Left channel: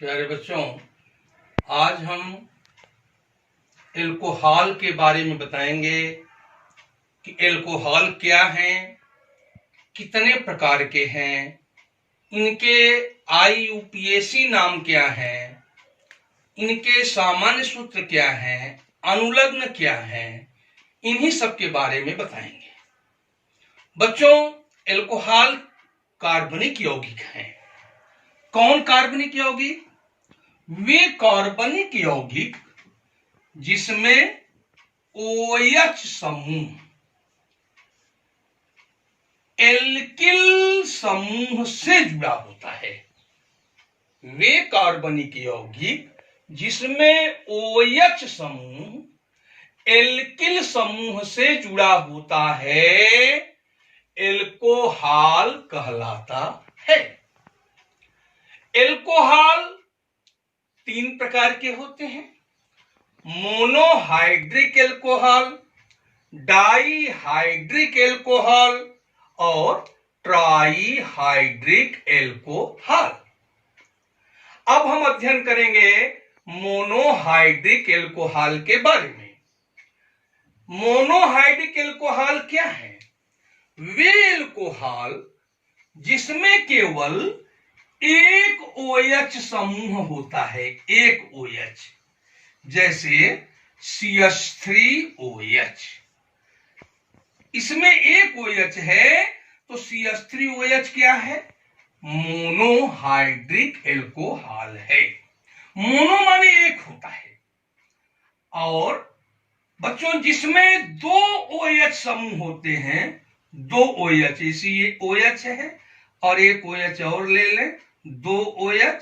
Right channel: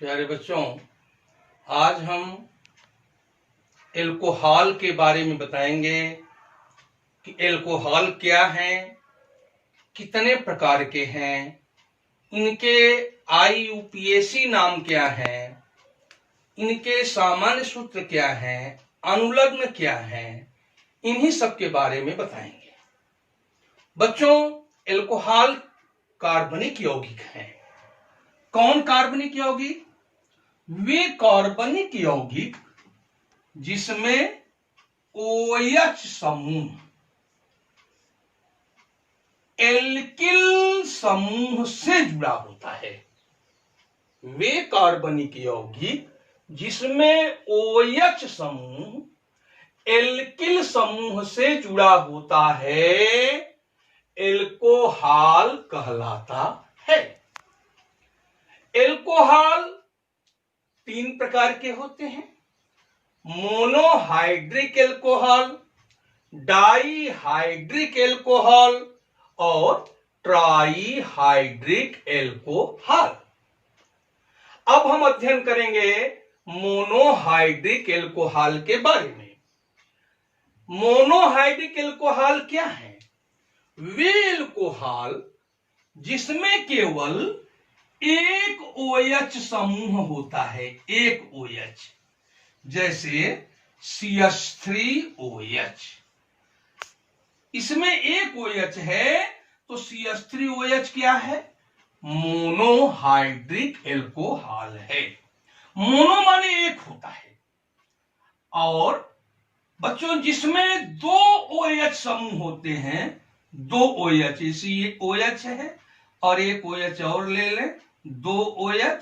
प्यारे बच्चों, आज हम एल्कोहल के बारे में बताएंगे कि एल्कोहल क्या है, कितने प्रकार के हैं, इनके IUPAC नाम क्या है, इनके सामान्य सूत्र क्या है, अनुलग्न क्या है, इन्हीं सब के बारे में बताएंगे। बच्चों, एल्कोहल कार्बनिक यौगिक हैं। कौन कार्बनिक यौगिक? वे कार्बनिक यौगिक जिसमें OH समूह एल्किल समूह से जुड़ा होता है। वे कार्बनिक यौगिक जिसमें OH समूह एल्किल समूह से जुड़ा होता है, एल्कोहल कहलाता है। एल्कोहल 3 प्रकार के होते हैं: मोनोहाइड्रिक एल्कोहल, डाइहाइड्रिक एल्कोहल और ट्राइहाइड्रिक एल्कोहल। अब हम अध्ययन करेंगे मोनोहाइड्रिक एल्कोहल के बारे में। मोनोहाइड्रिक एल्कोहल क्या है? वे एल्कोहल जिसमें केवल एक OH समूह होता है, एक OH, जैसे CH3OH। इसमें एक OH है तो CH3OH क्या है? मोनोहाइड्रिक एल्कोहल है। मोनो माने एक होता है। और बच्चों, जिसमें 2 OH समूह होते हैं, 2 OH, इसी ये OH है और एक OH और ले लें, 2 OH,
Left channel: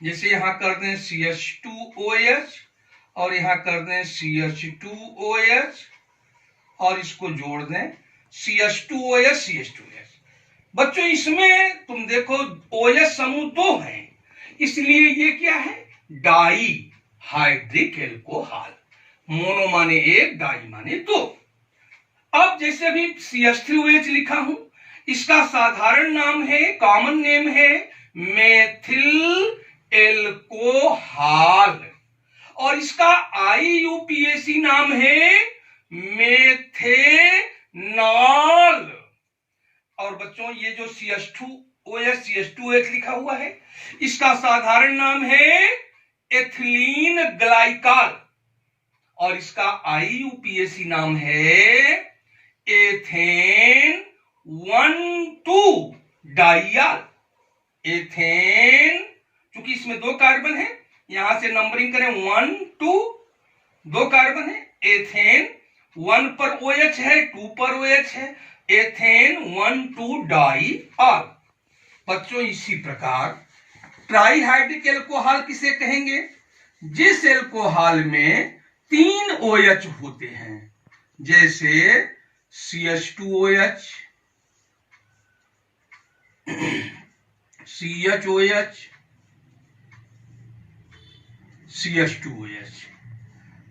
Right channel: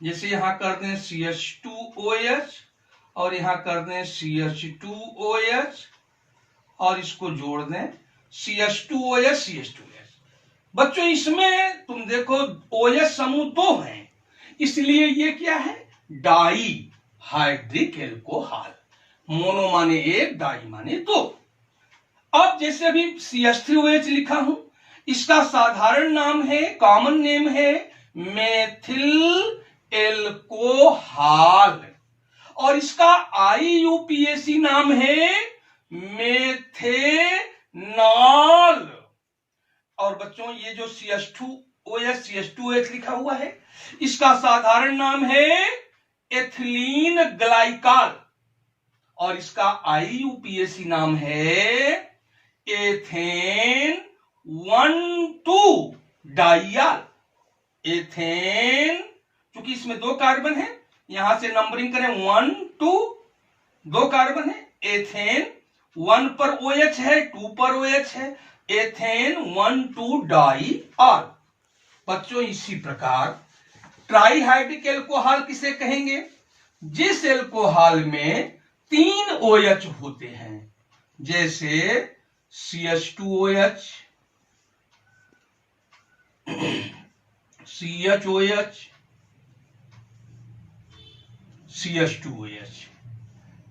जैसे यहां कर दें CH2OH और यहां कर दें CH2OH और इसको जोड़ दें CH2OH, CH2OH। बच्चों, इसमें तुम देखो OH समूह 2 हैं, इसलिए ये क्या है? Dihydric alcohol. मोनो माने एक, डाई माने 2। अब जैसे अभी CH3OH लिखा हूं, इसका साधारण नाम है, कॉमन नेम है मेथिल एल्कोहल और इसका IUPAC नाम है मेथेनॉल। और बच्चों, ये जो CH2OH लिखा हुआ है, इसका साधारण नाम है एथिलीन ग्लाइकॉल और इसका IUPAC नाम है एथेन 1,2 डाइयाल। एथेन, क्योंकि इसमें 2 कार्बन है, यहां से नंबरिंग करें 1, 2, 2 कार्बन है। एथेन 1 पर OH है, 2 पर OH है, एथेन 1,2 डाइयाल। बच्चों, इसी प्रकार ट्राइहाइड्रिक एल्कोहल किसे कहेंगे? जिस एल्कोहल में 3 OH होते हैं, जैसे CH2OH, CHOH, CH2OH।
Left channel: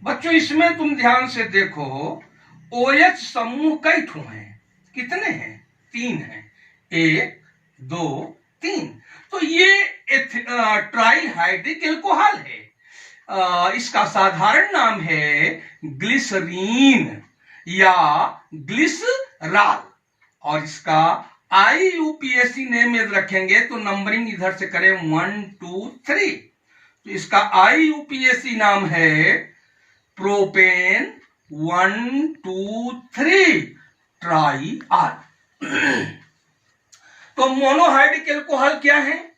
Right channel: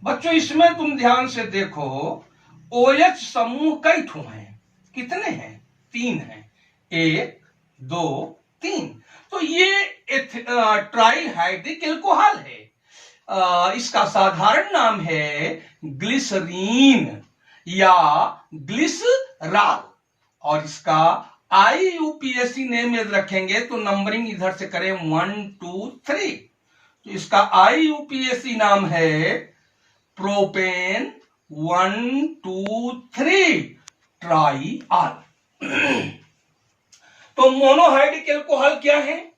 बच्चों, इसमें तुम ध्यान से देखो, OH समूह कई ठो हैं? कितने हैं? 3 हैं। 1, 2, 3। तो ये ट्राइहाइड्रिक एल्कोहल है। इसका साधारण नाम है ग्लिसरीन या ग्लिसरॉल और इसका IUPAC नेम यदि रखेंगे तो नंबरिंग इधर से करें 1, 2, 3, तो इसका IUPAC नाम है प्रोपेन 1, 2, 3 ट्राइआल। तो मोनोहाइड्रिक एल्कोहल क्या है?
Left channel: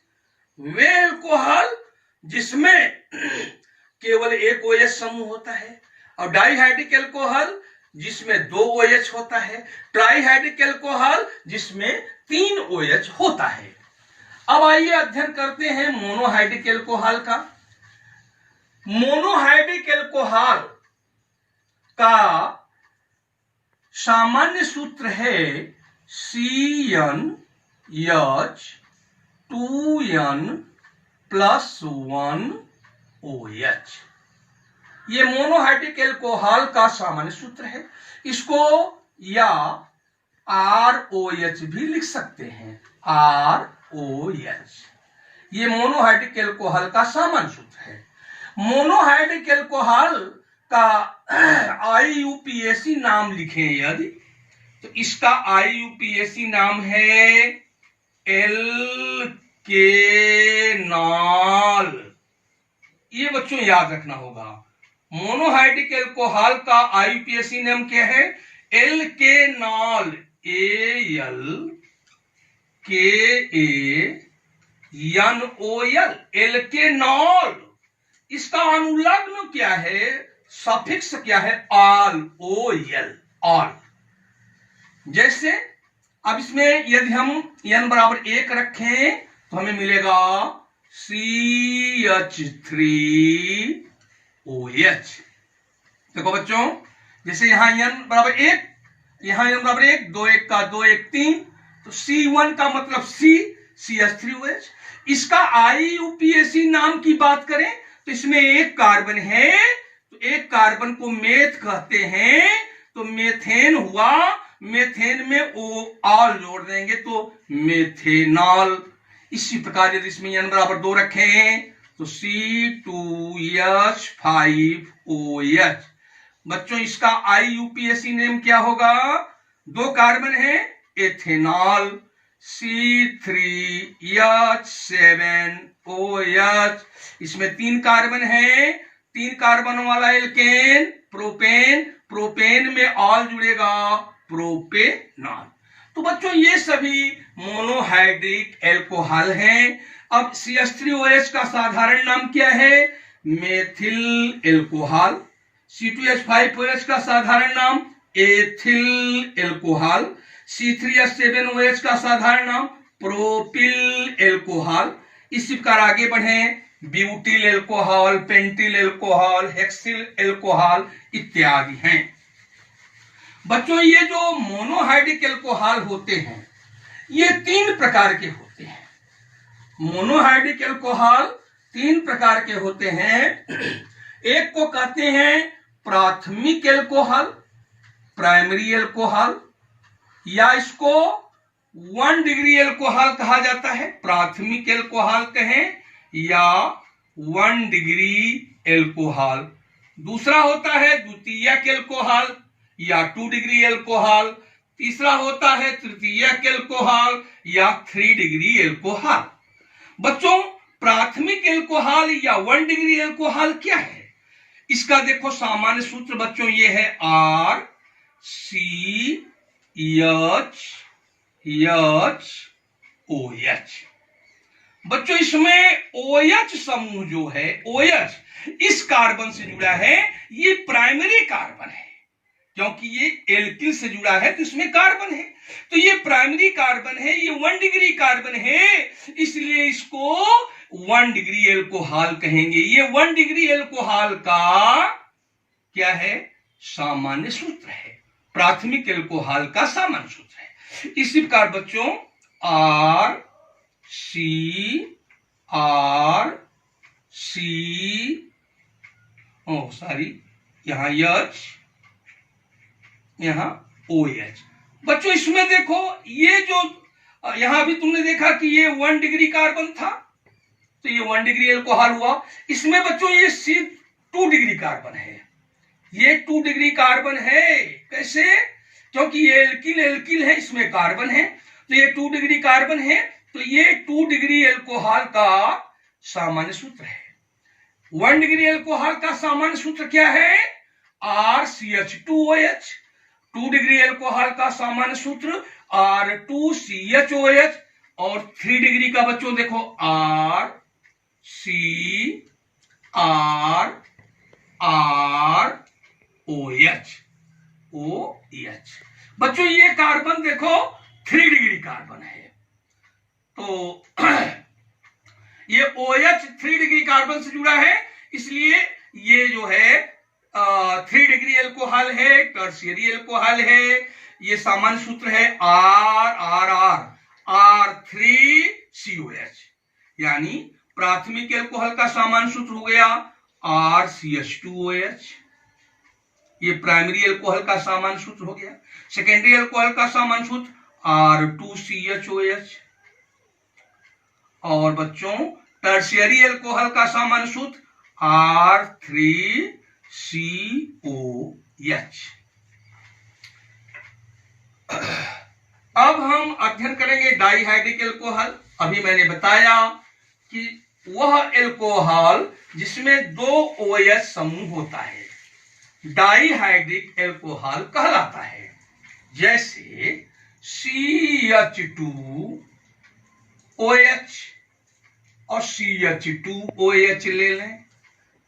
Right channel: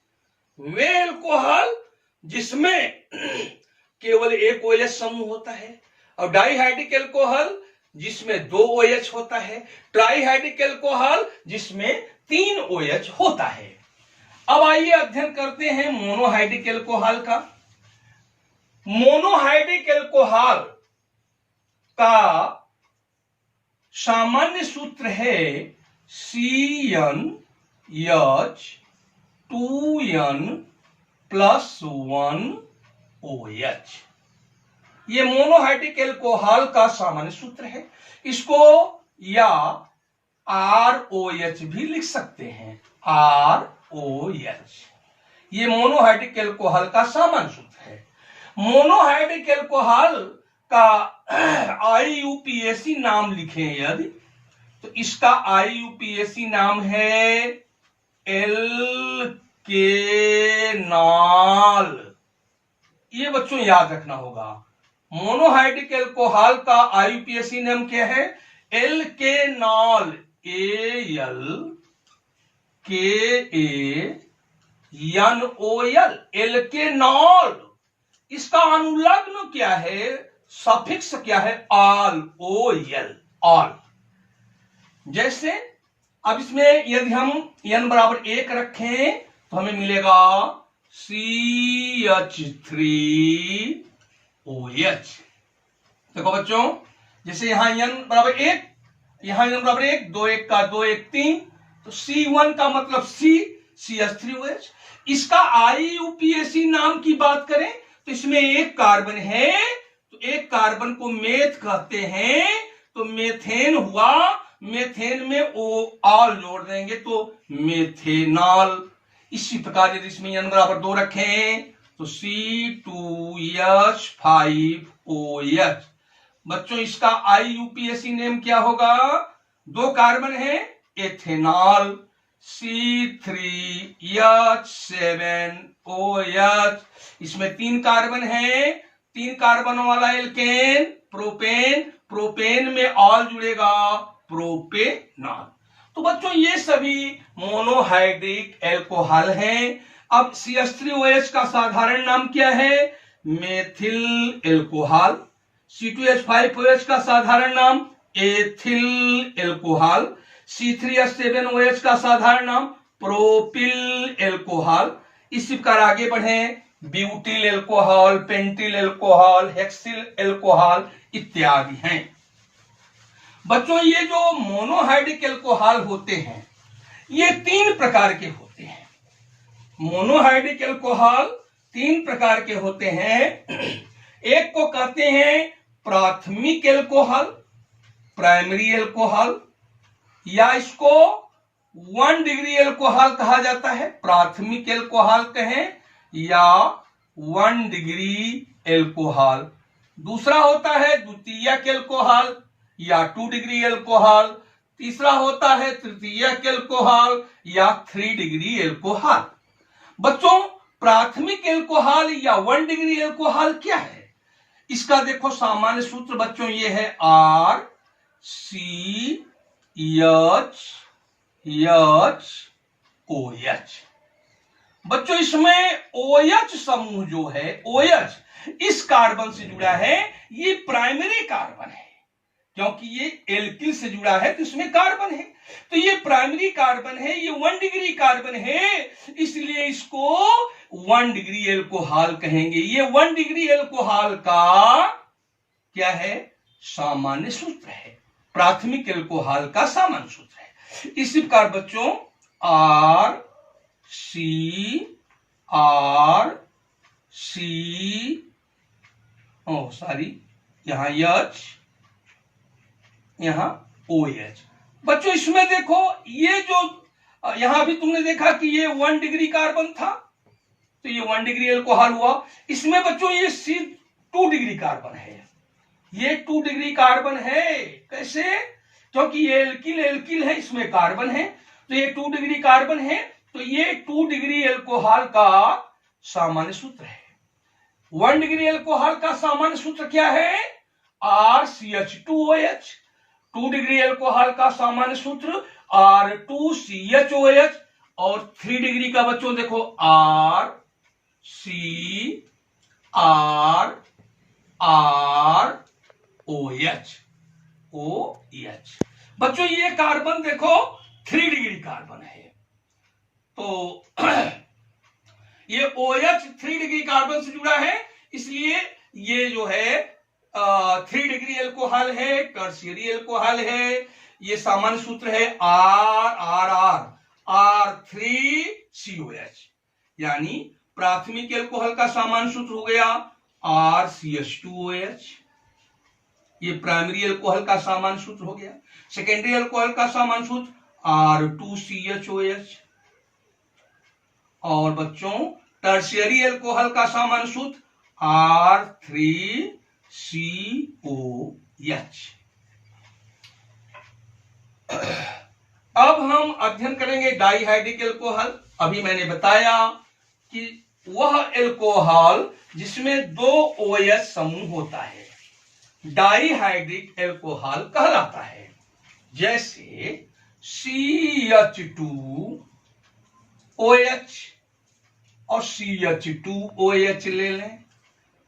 वे एल्कोहल जिसमें केवल एक OH समूह होता है। और डाइहाइड्रिक एल्कोहल जिसमें 2 OH होता है। ट्राइहाइड्रिक एल्कोहल जिसमें 3 OH होता है। अब आइए अध्ययन करते हैं मोनोहाइड्रिक एल्कोहल का। मोनोहाइड्रिक एल्कोहल का सामान्य सूत्र है CN+2N+1OH। ये मोनोहाइड्रिक एल्कोहल का सामान्य सूत्र है। इसको या ROH भी लिख सकते हैं, ROH। ये मोनोहाइड्रिक एल्कोहल का सामान्य सूत्र है। मोनोहाइड्रिक एल्कोहल का IUPAC नाम लिखें यदि, तो इसका IUPAC नाम है एल्केनॉल। ये बच्चों याद रखना होगा। मोनोहाइड्रिक एल्कोहल का IUPAC नाम क्या है? एल्केनॉल। ALKANOL, एल्केनॉल। इसका अनुलग्न क्या है? सफिक्स क्या है? All, OL, all. जैसे अब इसमें यदि हम n बराबर 1 रखें तो हमें मिलेगा CH3OH। देखो बच्चों, जैसे यहां n बराबर 1, यहां n बराबर 1, 2 1 का 2 1 3, तो C1 का मतलब CH3OH। इसका IUPAC नाम की बात करें तो इसमें एक कार्बन है, तो एक कार्बन को मेथ कहते हैं, तो मेथेन हुआ। मेथेन में ओ ऑल जोड़ देंगे तो मेथेनॉल। इसी प्रकार यदि इसमें n बराबर 2 रखें तो C2H5OH। बच्चों इसका IUPAC नेम क्या होगा? 2 कार्बन है, एथेनॉल। C3H7OH। इसमें 3 कार्बन है, 3 कार्बन वाला एल्केन प्रोपेन। प्रोपेन में ऑल जुड़ेगा, प्रोपेनॉल। तो बच्चों ये सभी मोनोहाइड्रिक एल्कोहल हैं। अब CH3OH का साधारण नाम क्या है? Methyl alcohol. C2H5OH का साधारण नाम एथिल एल्कोहल। C3H7OH का साधारण नाम प्रोपिल एल्कोहल। इसी प्रकार आगे बढ़े, butyl alcohol, pentyl alcohol, hexyl alcohol इत्यादि हैं। बच्चों ये जो मोनोहाइड्रिक एल्कोहल होते हैं ये 3 प्रकार के होते हैं। मोनोहाइड्रिक एल्कोहल 3 प्रकार के होते हैं। एक को कहते हैं प्राथमिक एल्कोहल, प्राइमरी एल्कोहल, या इसको 1 डिग्री एल्कोहल कहा जाता है। प्राथमिक एल्कोहल कहें या 1 डिग्री एल्कोहल। दूसरा होता है द्वितीयक एल्कोहल या 2 डिग्री एल्कोहल। तीसरा होता है तृतीयक एल्कोहल या 3 डिग्री एल्कोहल। बच्चों प्राथमिक एल्कोहल या 1 डिग्री एल्कोहल क्या है? इसका देखो सामान्य सूत्र बच्चों ये है RCHOH। बच्चों इसमें OH समूह जो है, OH इस कार्बन से जुड़ा है, ये प्राइमरी कार्बन है। क्योंकि ये एल्किल से जुड़ा है तो इसमें कार्बन है, तो ये प्राइमरी कार्बन है, ये 1 डिग्री कार्बन है, इसलिए इसको 1 डिग्री एल्कोहल कहेंगे। ये 1 डिग्री एल्कोहल का क्या है? सामान्य सूत्र है। प्राथमिक एल्कोहल का सामान्य सूत्र है। इसी प्रकार बच्चों यहां H, यहां OH। बच्चों इसमें देखो ये जो यहां भी तुमने देखा कि ये 1 डिग्री कार्बन था, तो ये 1 डिग्री एल्कोहल हुआ। इसमें बच्चों ये C2 डिग्री कार्बन है, ये 2 डिग्री कार्बन है। कैसे? क्योंकि ये एल्किल एल्किल है, इसमें कार्बन है, तो ये 2 डिग्री कार्बन है, तो ये 2 डिग्री एल्कोहल का सामान्य सूत्र है। 1 डिग्री एल्कोहल का सामान्य सूत्र क्या है? RCH2OH। 2 डिग्री एल्कोहल का सामान्य सूत्र R2CHOH। और 3 डिग्री का बच्चों देखो RCRROH। बच्चों ये कार्बन देखो 3 डिग्री कार्बन है, तो ये OH 3 डिग्री कार्बन से जुड़ा है, इसलिए ये जो है 3 डिग्री एल्कोहल है, टर्शियरी एल्कोहल है। ये सामान्य सूत्र है R3COH। यानी प्राथमिक एल्कोहल का सामान्य सूत्र हो गया RCH2OH। ये प्राइमरी एल्कोहल का सामान्य सूत्र हो गया। सेकेंडरी एल्कोहल का सामान्य सूत्र R2CHOH। और बच्चों टर्शियरी एल्कोहल का सामान्य सूत्र R3COH। अब हम अध्ययन करेंगे डाइहाइड्रिक एल्कोहल। अभी मैंने बताया कि वह एल्कोहल जिसमें 2 OH समूह होता है डाइहाइड्रिक एल्कोहल कहलाता है। जैसे CH2OH और CH2OH ले लें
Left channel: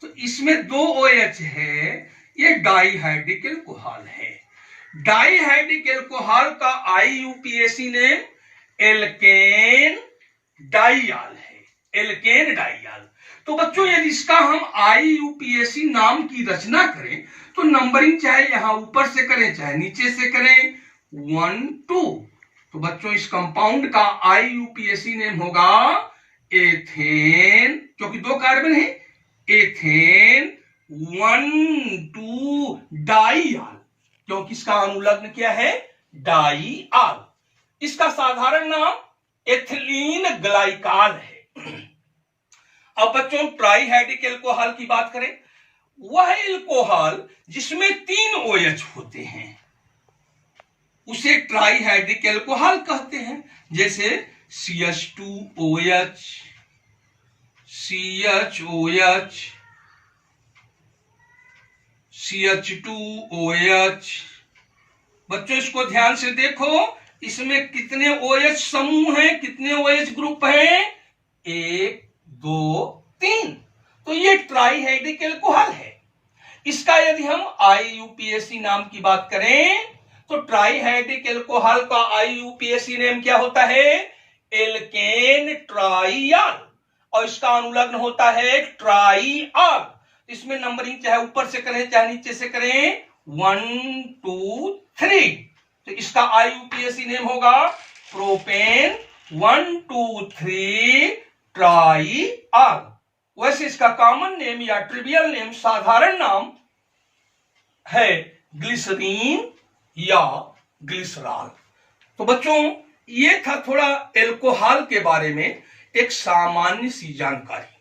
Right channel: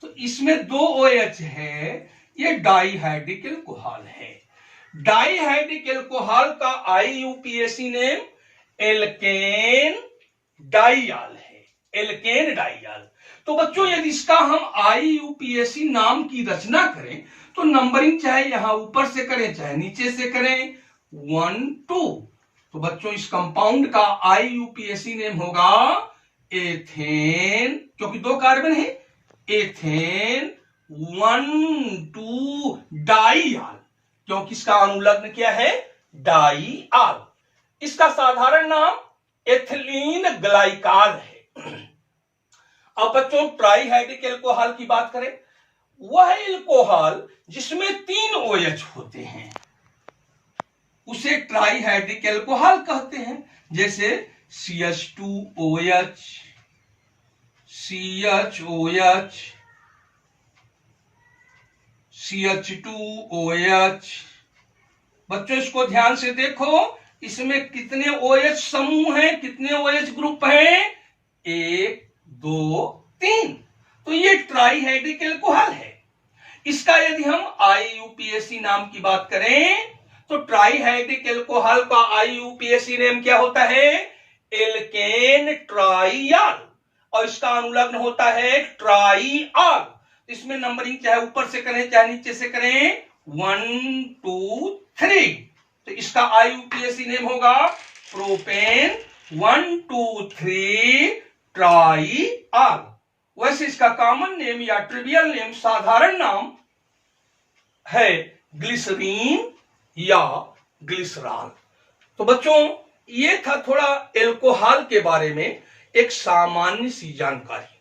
तो इसमें 2 OH है, ये डाइहाइड्रिक एल्कोहल है। डाइहाइड्रिक एल्कोहल का IUPAC नेम एल्केन डाइयाल है, एल्केन डाइयाल। तो बच्चों यदि इसका हम IUPAC नाम की रचना करें तो नंबरिंग चाहे यहां ऊपर से करें चाहे नीचे से करें 1 2। तो बच्चों इस कंपाउंड का IUPAC नेम होगा एथेन, क्योंकि 2 कार्बन है, एथेन 1,2 डाइयाल, क्योंकि इसका अनुलग्न क्या है डाइयाल। इसका साधारण नाम एथिलीन ग्लाइकाल है। अब बच्चों ट्राइहाइड्रिक एल्कोहल की बात करें, वह एल्कोहल जिसमें 3 OH होते हैं उसे ट्राइहाइड्रिक एल्कोहल कहते हैं। जैसे CH2OH, CHOH, CH2OH। बच्चों इसको ध्यान से देखो, इसमें कितने OH समूह हैं, कितने OH ग्रुप हैं? 1 2 3। तो ये ट्राइहाइड्रिक एल्कोहल है। इसका यदि हम IUPAC नाम की बात करें तो ट्राइहाइड्रिक एल्कोहल का IUPAC नेम क्या होता है? एल्केन ट्राइयाल, और इसका अनुलग्न होता है ट्राइयाल। इसमें नंबरिंग चाहे ऊपर से करें चाहे नीचे से करें 1 2 3। तो इसका IUPAC नेम होगा प्रोपेन 1 2 3 ट्राइयाल। वैसे इसका कॉमन नेम या ट्रिवियल नेम, साधारण नाम है ग्लिसरीन या ग्लिसरॉल। तो बच्चों ये था थोड़ा एल्कोहल के बारे में एक सामान्य सी जानकारी।